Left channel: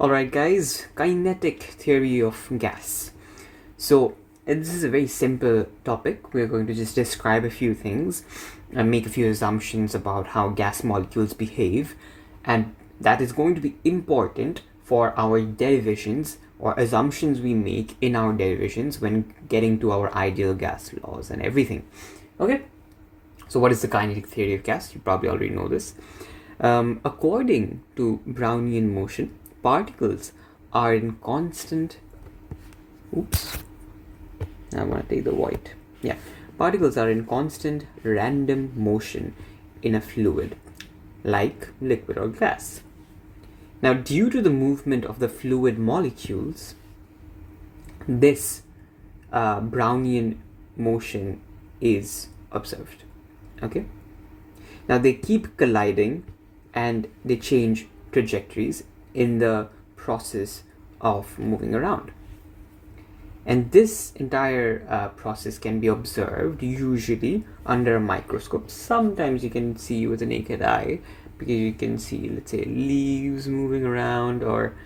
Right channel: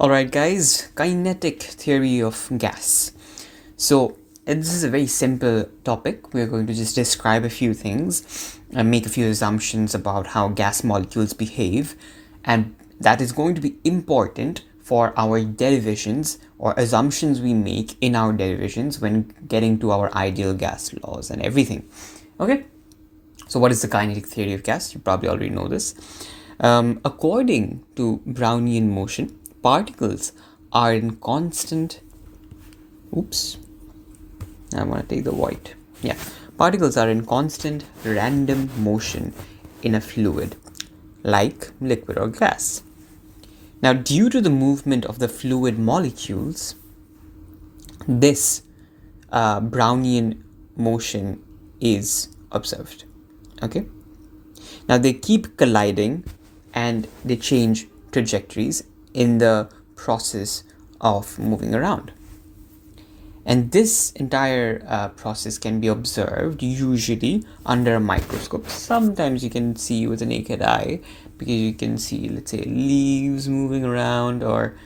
Alright guys, kinetic theory of gas. So this is a very simple topic. We're going to just describe a few things and make a few assumptions about how gas molecules behave, and that is going to be important for our derivations or assumptions we make in our derivations when getting to our ideal gas laws and everything. Okay, so what is the kinetic theory of gas? You probably already know this. According to Brownian motion, particles are in constant I'm going to take the white. Particles are in constant random motion in a fluid like liquid or gas. Now, due to the movement of the fluid molecules, this Brownian motion is observed. Okay, now they keep colliding and they change trajectories in the process of moving around. And this entire process can be observed usually under a microscope. Sometimes you can see with the naked eye because you can see, let's say, leaves moving around or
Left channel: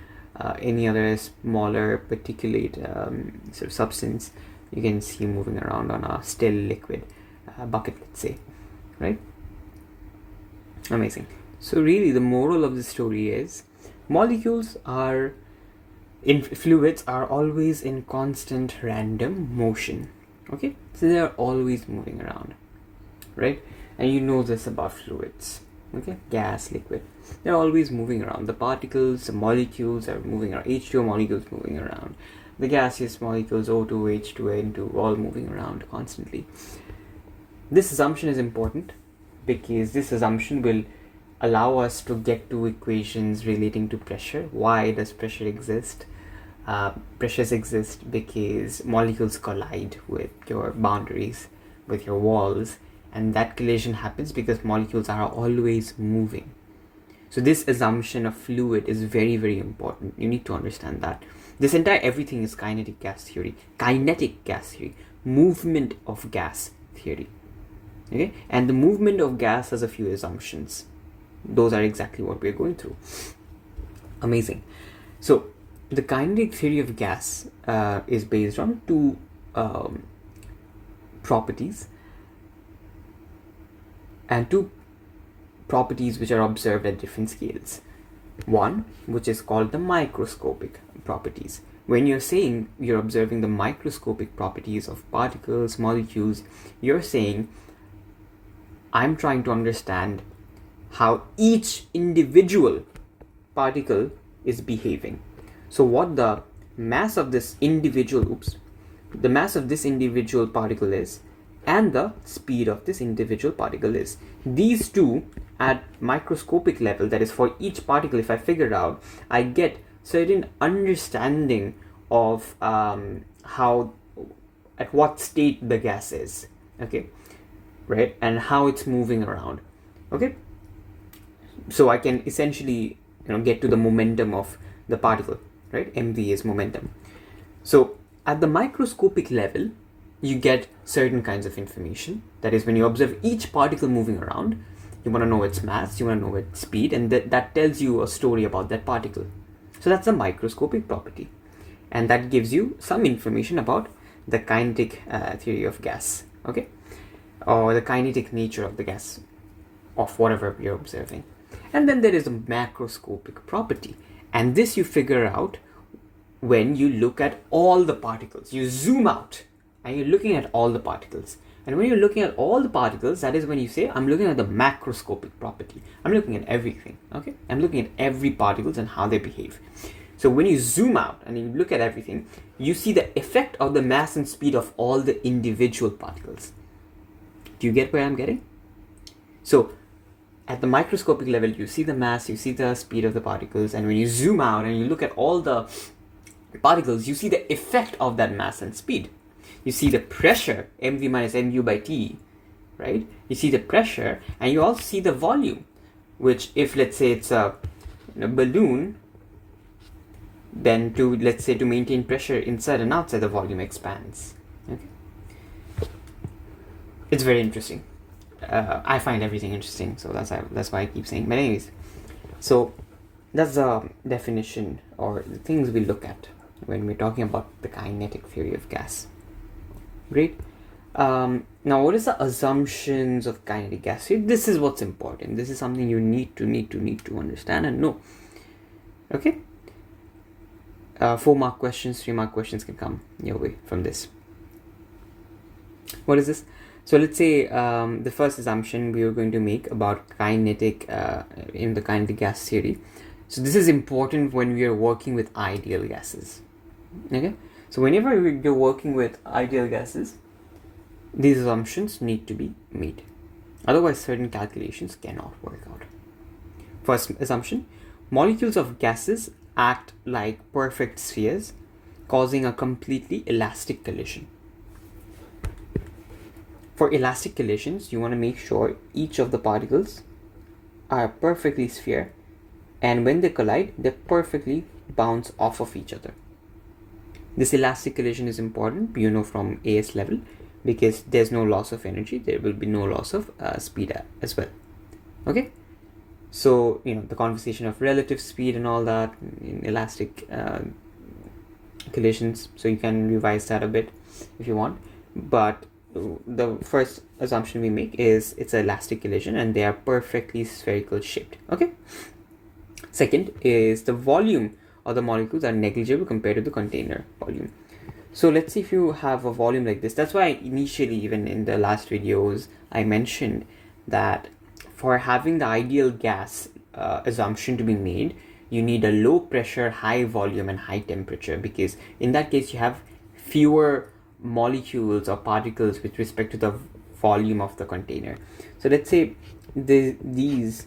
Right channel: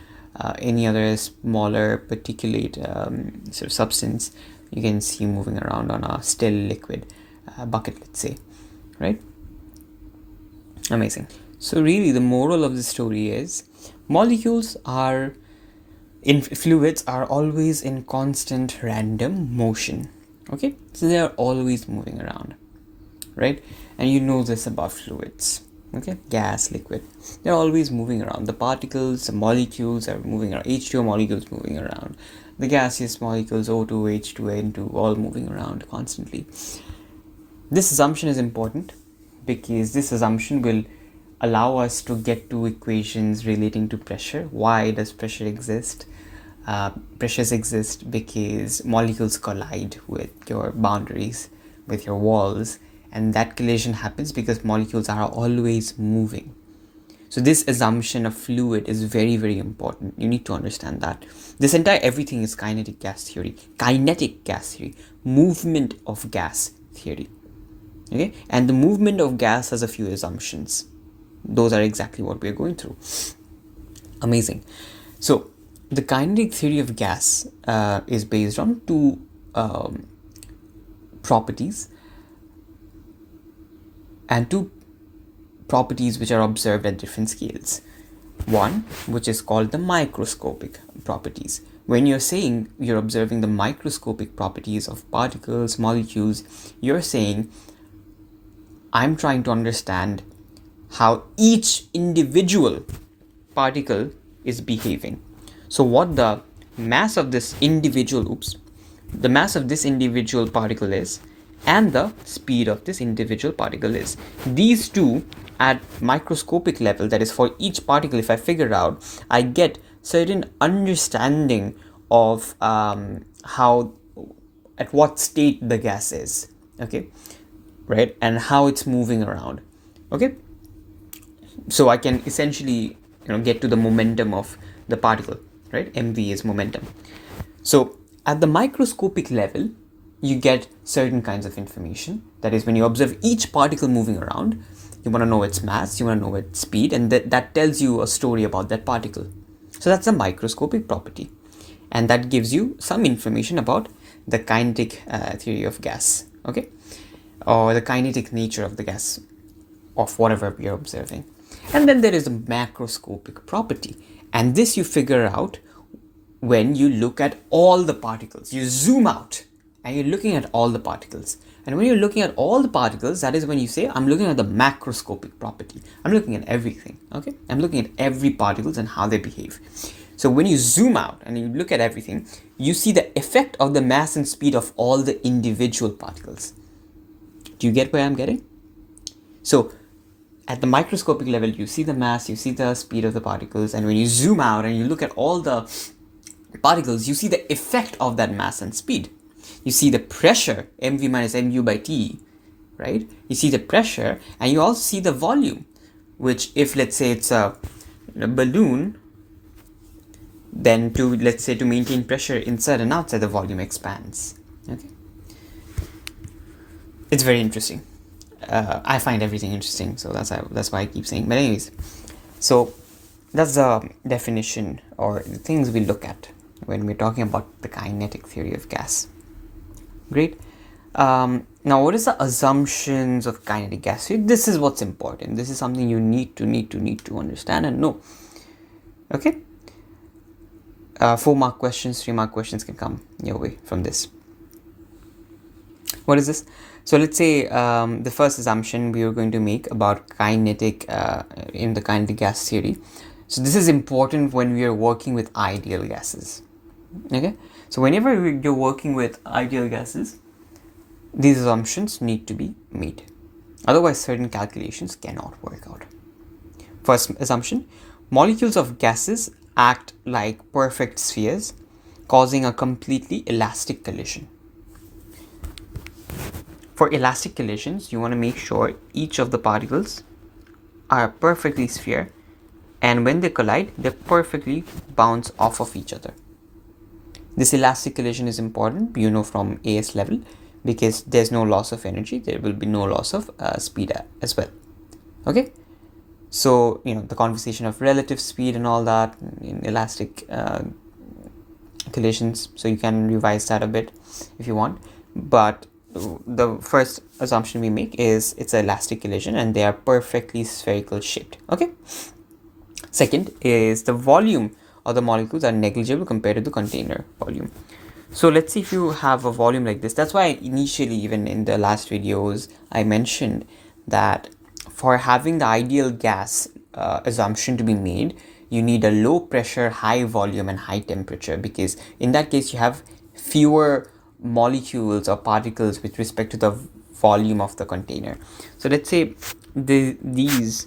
any other smaller particulate sort of substance you can see moving around on a still liquid bucket, let's say, right? Amazing. So really the moral of the story is molecules are in fluids are always in constant random motion. Okay, so they are always moving around, right? And you know this about fluids. Okay, gas, liquid, they're always moving around. The particles, the molecules are moving around. H2O molecules moving around. The gaseous molecules, O2, H2, N2, all moving around constantly. This assumption is important because this assumption will allow us to get to equations relating to pressure. Why does pressure exist? Pressures exist because molecules collide with your boundaries, with your walls, and that collision happens because molecules are always moving. So this assumption of fluid is very, very important. You need to understand that. This entire everything is kinetic gas theory, movement of gas theory. Okay, and the movement of gas has a few assumptions. Those are exactly what we're going through. Amazing. So the kinetic theory of gas is based on two properties and two properties which are observed at different scales. One, which is called the microscopic properties. When you're saying you're observing the microscopic properties of particles, molecules, you're saying I'm trying to understand how each individual particle is behaving. So what the mass of this individual particle is and the speed of this individual particle is. These two at microscopic level, that is for each particle, if I figure out, I get certain understanding of how, at what state the gas is, okay, right, and how it's moving around. Okay, so I can essentially get to the momentum of the particle, right? MV is momentum. So at the microscopic level, you get certain kinds of information. That is, when you observe each particle moving around, you want to know its mass, you want to know its speed, and that tells you a story about that particle. So that's a microscopic property, and that gives you some information about the kinetic theory of gas, okay, or the kinetic nature of the gas of whatever you're observing. And then there is a macroscopic property, and this you figure out when you look at all the particles. You zoom out and you're looking at all the particles, and when you're looking at all the particles, that is when you say I'm looking at the macroscopic property. I'm looking at everything, okay? I'm looking at every particles and how they behave. So when you zoom out and you look at everything, you see the effect of the mass and speed of all the individual particles. Do you get where I'm getting? So at the microscopic level, you see the mass, you see the speed of the particles, and when you zoom out and you look at all the particles, you see the effect of that mass and speed. You see the pressure, mv minus mu by t, right? You see the pressure, and you also see the volume, which, if let's say it's a balloon, then to maintain pressure inside and outside, the volume expands. Okay, it's very interesting. I find everything interesting, so that's why I keep saying. But anyways, so That's the definition or the things we look at when we're talking about the kinetic theory of gas. Great. Now, what is the assumptions of kinetic gas theory? This is what's important. This is something you need to understand and know. Okay. 4-mark questions, 3-mark questions can come your way from this. What is this? So let's say the first assumption we are going to make about kinetic in the kinetic gas theory. So this is important when we are working with ideal gases. Okay. So whenever you're working with ideal gases, these assumptions need to be made. Otherwise, certain calculations cannot work out. First assumption: molecules of gases act like perfect spheres, causing a completely elastic collision. For elastic collisions, you want to make sure each of the particles are perfectly sphere, and when they collide, they perfectly bounce off of each other. This elastic collision is important, from AS level, because there's no loss of energy, there will be no loss of speed as well. Okay, so the conversation of relative speed and all that in elastic collisions, so you can revise that a bit if you want, but the first assumption we make is it's an elastic collision and they are perfectly spherical shaped. Okay. Second is the volume of the molecules are negligible compared to the container volume. So let's see if you have a volume like this. That's why initially, even in the last videos, I mentioned that for having the ideal gas assumption to be made, you need a low pressure, high volume and high temperature, because in that case you have fewer molecules or particles with respect to the volume of the container. So let's say these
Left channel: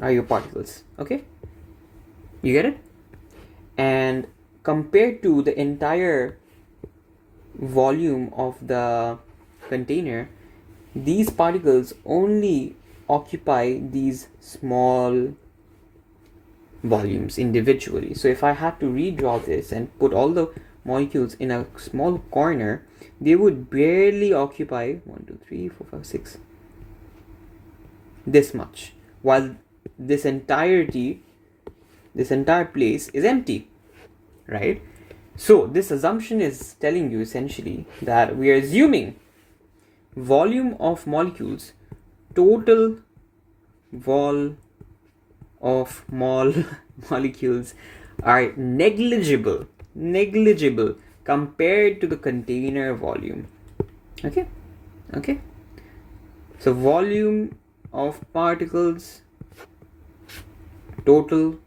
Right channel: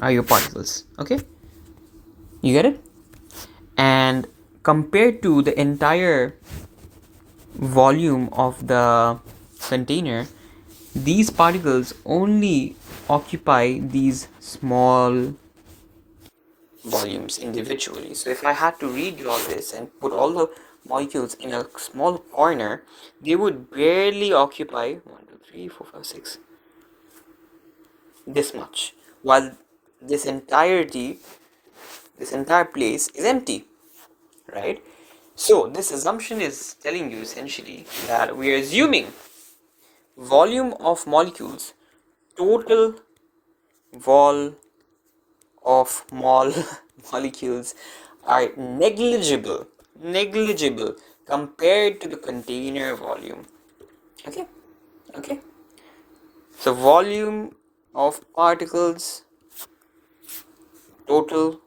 are your particles. Okay, you get it? And compared to the entire volume of the container, these particles only occupy these small volumes individually. So if I had to redraw this and put all the molecules in a small corner, they would barely occupy 1, 2, 3, 4, 5, 6 this much, while this entire place is empty, right? So this assumption is telling you essentially that we are assuming volume of molecules, total vol of molecules are negligible compared to the container volume. Okay, so volume of particles total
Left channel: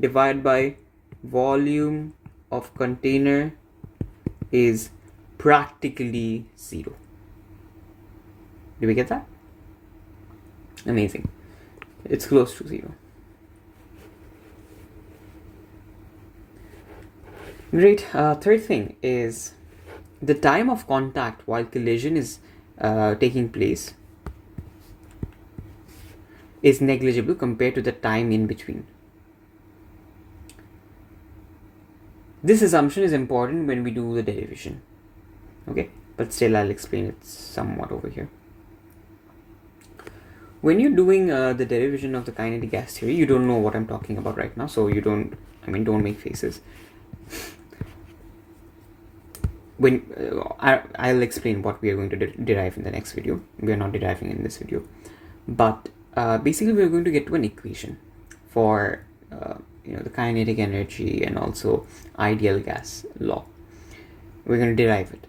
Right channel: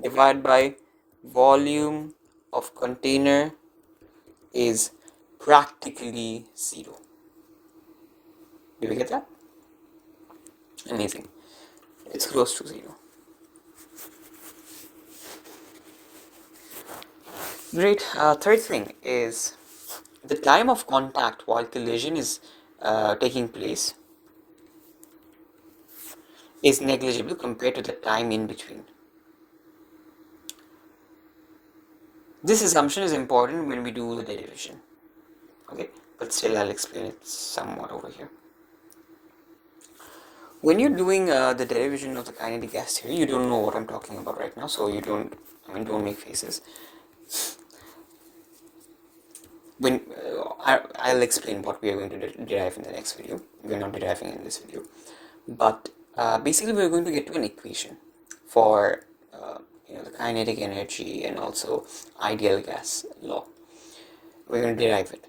divided by volume of container is practically 0. Do we get that? Amazing. It's close to 0. Great. Third thing is the time of contact while collision is taking place is negligible compared to the time in between. This assumption is important when we do the derivation. Okay, but still I'll explain it somewhat over here. When you're doing the derivation of the kinetic gas theory, you don't know what I'm talking about right now, so don't make faces. When I'll explain what we are going to derive in the next video. We are not deriving in this video, but basically we're going to get to an equation for the kinetic energy and also ideal gas law. We're going to derive it,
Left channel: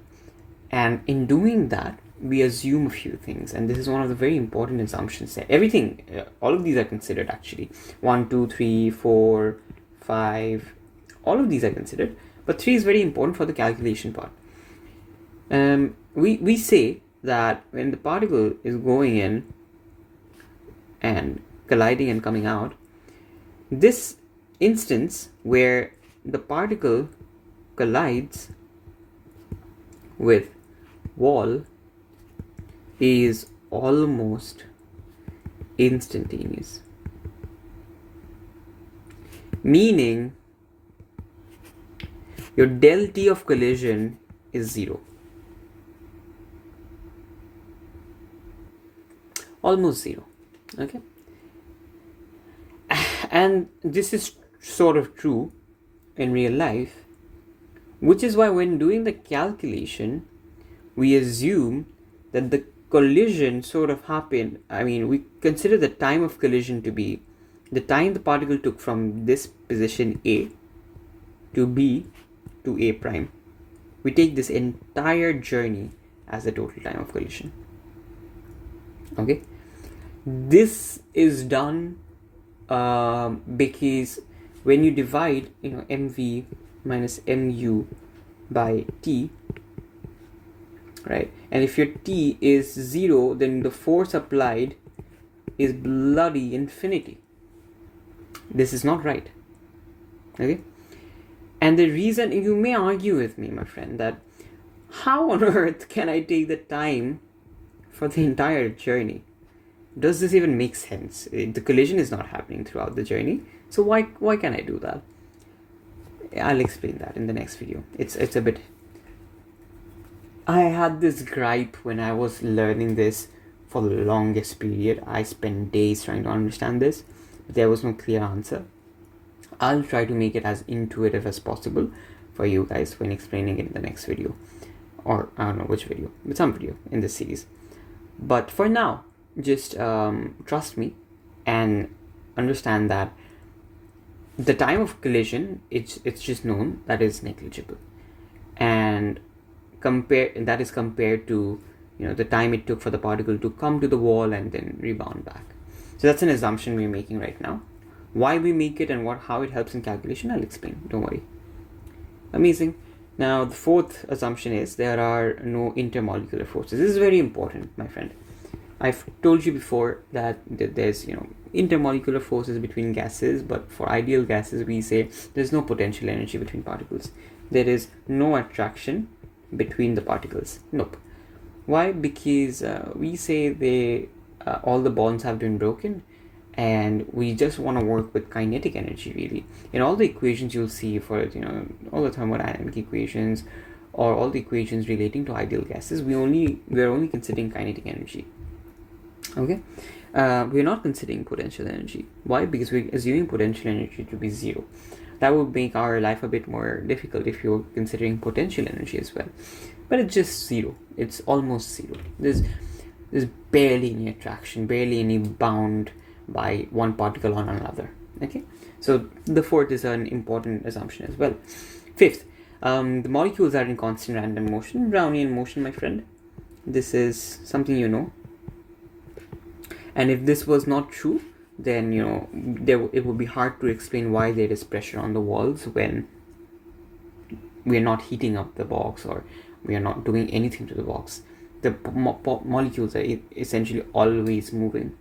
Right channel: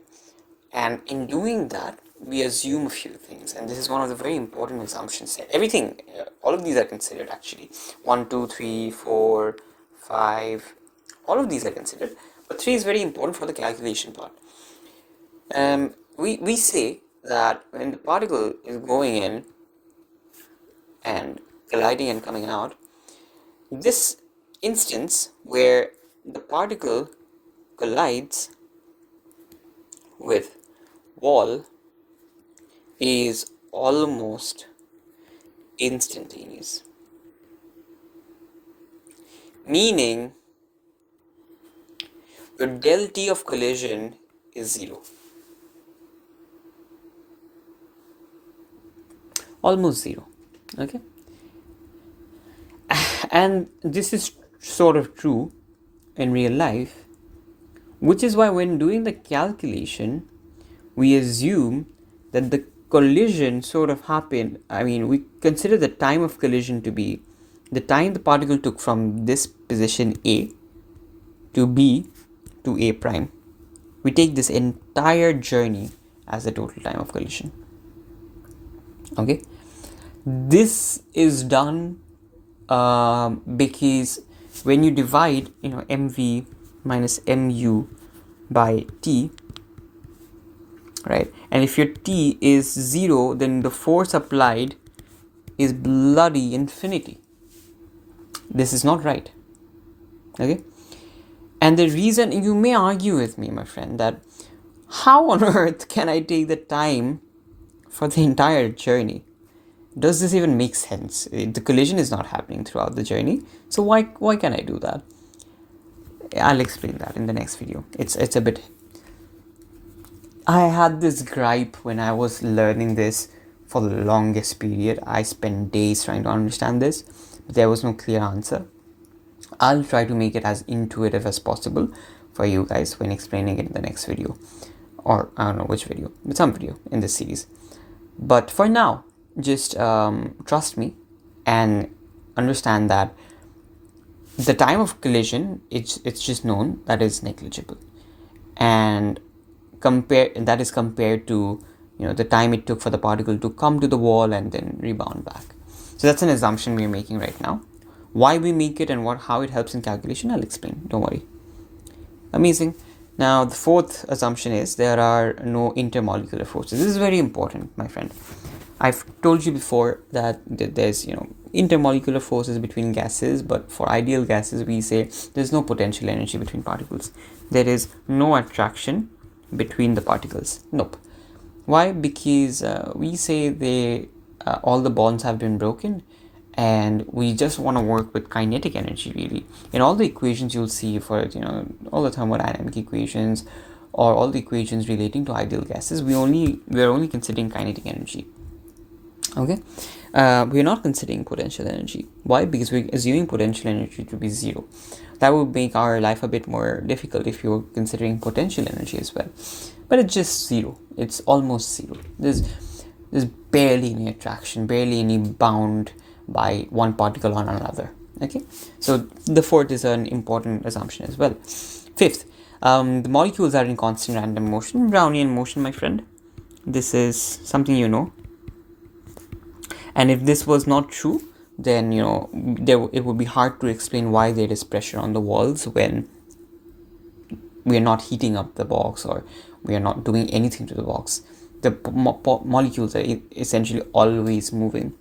and in doing that we assume a few things, and this is one of the very important assumptions there. Everything, all of these are considered actually. 1, 2, 3, 4, 5, all of these are considered, but 3 is very important for the calculation part. We say that when the particle is going in and colliding and coming out, this instance where the particle collides with wall is almost instantaneous, meaning your del T of collision is 0. Almost 0. Okay. And this is sort of true in real life, which is why when doing the calculation, we assume that the collision sort of happened. I mean, we consider the time of collision to be the time the particle took from this position A to B to A prime. We take this entire journey as the total time of collision. Okay, this is done because when you divide, mv minus mu by t, right, and if your t is 0, then the force applied is bloody infinity. This is not right. Okay, and the reason, you may argue with me, my friend, that how on earth can I take the time for the entire journey? Does this even make sense? The collision is not happening throughout the journey, so why can I do that? I'll explain that in the next video. It's a bit. I had this gripe when I was learning this for the longest period. I spent days trying to understand this, but there was no clear answer. I'll try to make it as intuitive as possible for you guys when explaining it in the next video, or I don't know which video, but some video in this series. But for now, just trust me and understand that the time of collision, it's just known that is negligible, and that is compared to the time it took for the particle to come to the wall and then rebound back. So that's an assumption we're making right now. Why we make it and how it helps in calculation, I'll explain, don't worry. Amazing. Now the fourth assumption is there are no intermolecular forces. This is very important, my friend. I've told you before that there's intermolecular forces between gases, but for ideal gases we say there's no potential energy between particles. There is no attraction between the particles. Nope. Why? Because we say all the bonds have been broken, and we just want to work with kinetic energy. Really, in all the equations you'll see for all the thermodynamic equations or all the equations relating to ideal gases, we're only considering kinetic energy. Okay, we're not considering potential energy. Why? Because we're assuming potential energy to be 0. That would make our life a bit more difficult if you're considering potential energy as well. But it's just 0. It's almost 0. There's barely any attraction, barely any bound by one particle on another. Okay, so the fourth is an important assumption as well. Fifth, the molecules are in constant random motion, Brownian motion, my friend. This is something and if this was not true, then it would be hard to explain why there is pressure on the walls when we are not heating up the box or we are not doing anything to the box. The molecules are essentially always moving.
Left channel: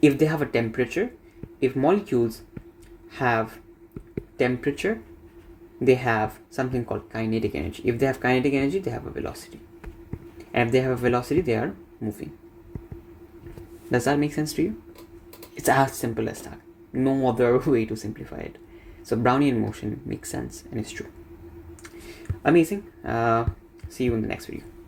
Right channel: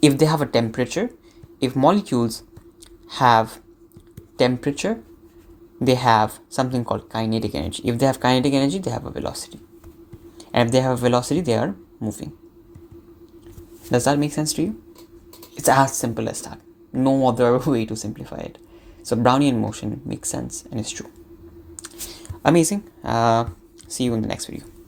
If they have a temperature, if molecules have temperature, they have something called kinetic energy. If they have kinetic energy, they have a velocity. And if they have a velocity, they are moving. Does that make sense to you? It's as simple as that. No other way to simplify it. So Brownian motion makes sense and it's true. Amazing. See you in the next video.